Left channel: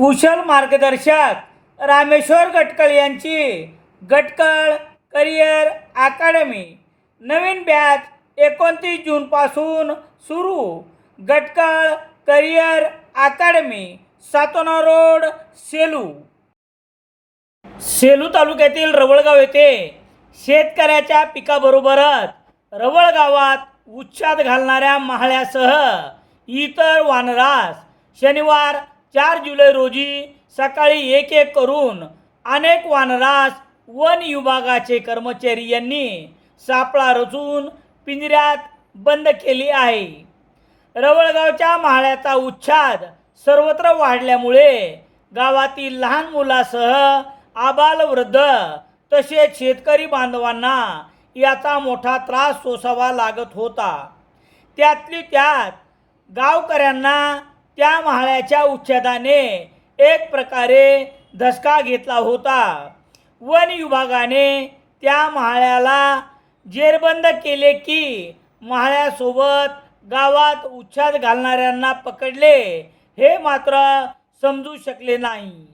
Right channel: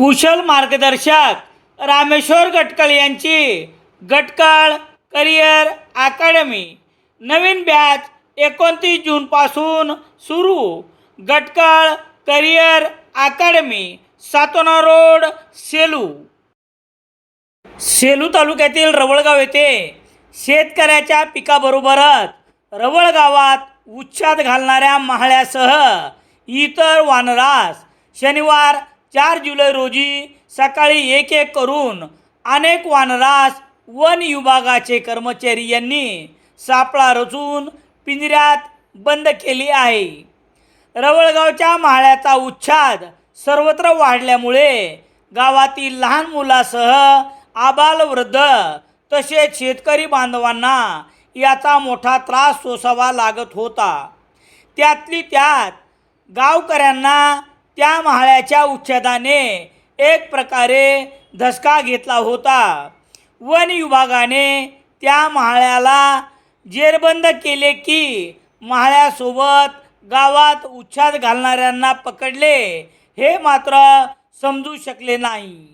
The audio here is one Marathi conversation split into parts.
कुशल मार्गदर्शक रामेश्वर गटकळ यांची गटकळ करिअर अकॅडमी नवीन बॅच 29 जूनपासून सुरू. Gatkal career academy, Satona road, Selu. Selu तालुक्यातील रवळगाव येथे शेतकऱ्याच्या पिकाबरोबरच रवळ गावात उच्छाद घालणाऱ्या माहळ्यासह इतर वानरास शनिवार 4 जुलै रोजी सकाळी एक करून अनेक वानरास वन विभागाचे कर्मचारी यांनी सापळा रचून पिंजऱ्यात बंद केली आहे. रवळगावच्या माहळ्याचा उच्छाद सर्वत्र वाढल्यामुळे गावातील लहान मुलासह आबालवृद्ध तसेच शेतकरी बांधवांना याचा मोठा त्रास सोसावा लागत होता. त्यातली त्यात गावकऱ्यांना त्या माहळ्याच्या उच्छेदाने एक प्रकारे धसका घेतला होता. वन विभागाने त्या माहळ्याला जेरबंद केले की माहळ्यासोबत गावात उच्छाद घालणाऱ्यांना पकडले हे मात्र समजू शकले नाही.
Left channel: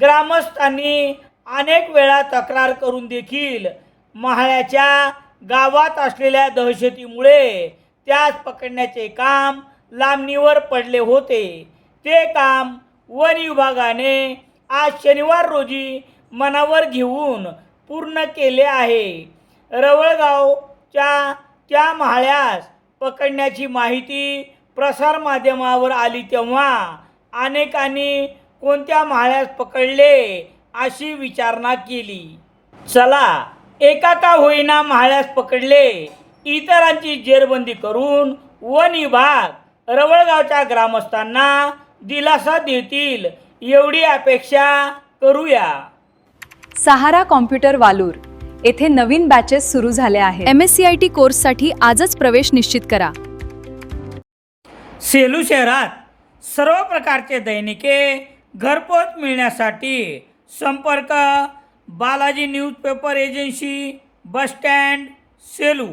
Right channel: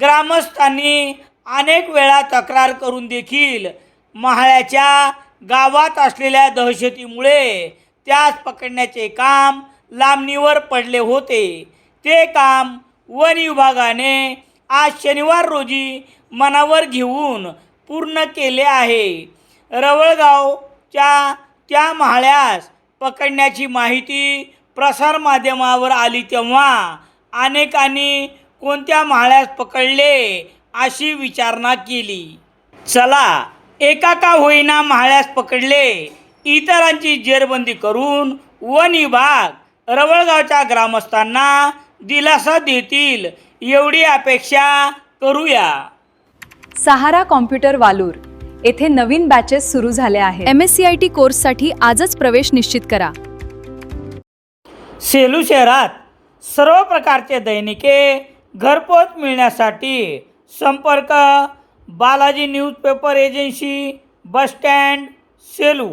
ग्रामस्थांनी अनेक वेळा तक्रार करून देखील माहळ्याच्या गावात असलेल्या दहशतीमुळे त्यास पकडण्याचे काम लांबणीवर पडले होते. ते काम वन विभागाने आज शनिवार रोजी मनावर घेऊन पूर्ण केले आहे. रवळगावच्या त्या माहळ्यास पकडण्याची माहिती प्रसारमाध्यमावर आली तेव्हा अनेकांनी कोणत्या माहळ्यास पकडले अशी विचारणा केली. चला, एका का होईना माहळ्यास पकडले, इतरांची जेरबंदी करून वन विभाग रवळगावच्या ग्रामस्थांना दिलासा देतील एवढी अपेक्षा करूया. सहारा कॉम्प्युटर वालूर येथे नवीन बॅचेस सुरू झाले आहेत. MSCIT कोर्ससाठी आजच प्रवेश निश्चित करा. सेलू शहरात सर्व प्रकारचे दैनिके घरपोच मिळण्यासाठी संपर्क Balaji newspaper agency, bus stand, Selu.